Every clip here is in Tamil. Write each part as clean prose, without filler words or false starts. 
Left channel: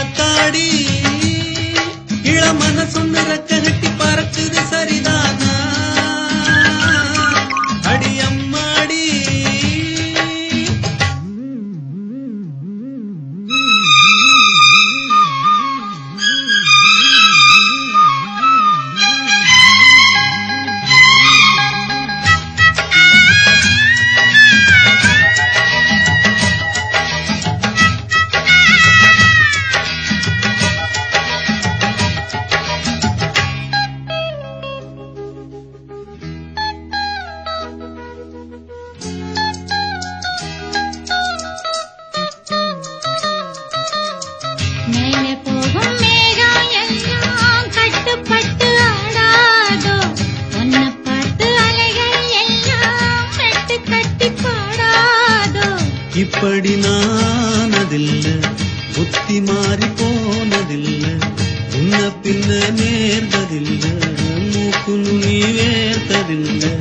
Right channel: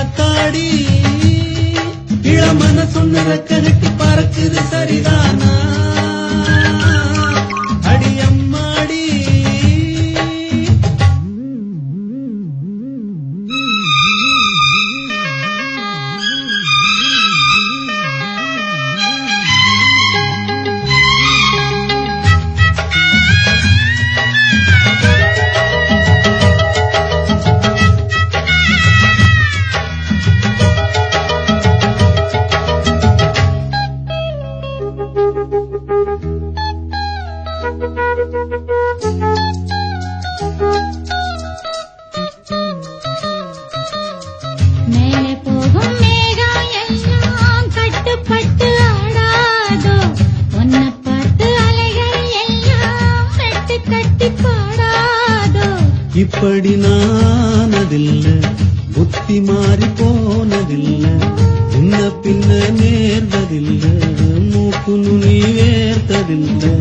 அடியாத்தாடி இளமன சொன்ன ரெக்க கட்டி பறக்குது சரிதானா அடியம்மாடி இப்படி நானதில்லை புத்தி மாறி போனதில்லை முன்ன பின்ன நேர்ந்ததில்லை மூக்கு நுனி வேர்த்ததில்லை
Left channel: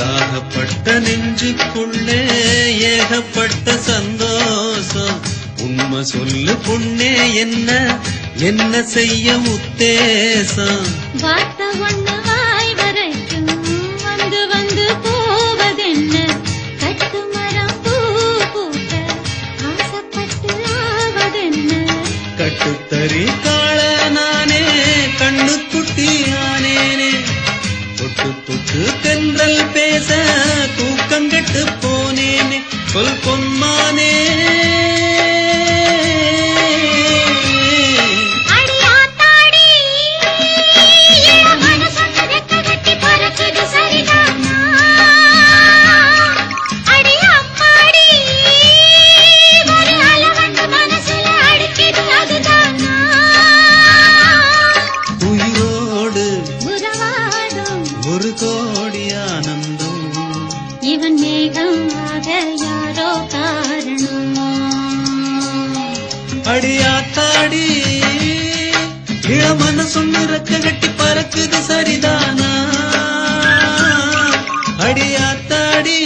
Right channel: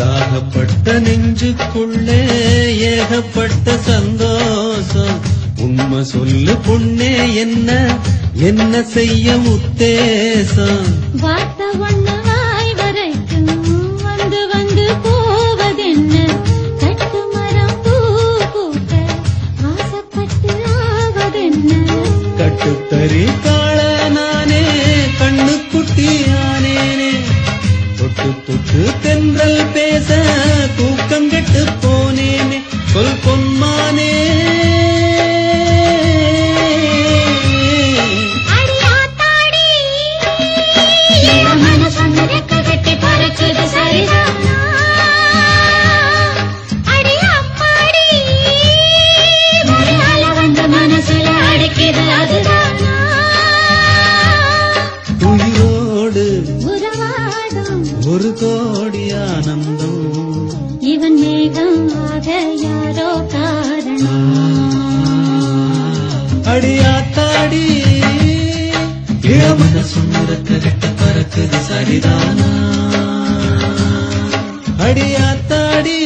தாகப்பட்ட நெஞ்சுக்குள்ளே ஏகப்பட்ட சந்தோஷம் உண்மை சொல்லு பொண்ணே என்ன செய்ய உத்தேசம் வார்த்தை ஒண்ணு வாய் வரைக்கும் வந்து வந்து போவதென்ன கட்டு மரம் பூ பூக்க ஆசைப்பட்டு ஆவதென்ன கட்டுத்தறி காள நானே கண்ணு குட்டி ஆனேனே தொட்டு தொட்டு தென்றல் பேச தூக்கம் கெட்டு போனேனே சொல் பொன்மானே உயிரோடு ஒரு கோடி ஆனந்தம் இவன் மேகமாக யாரோ காரணம் அடியாத்தாடி இளமன சொன்னிறக்க கட்டி பறக்குது சரிதானா அடியாத்தாடி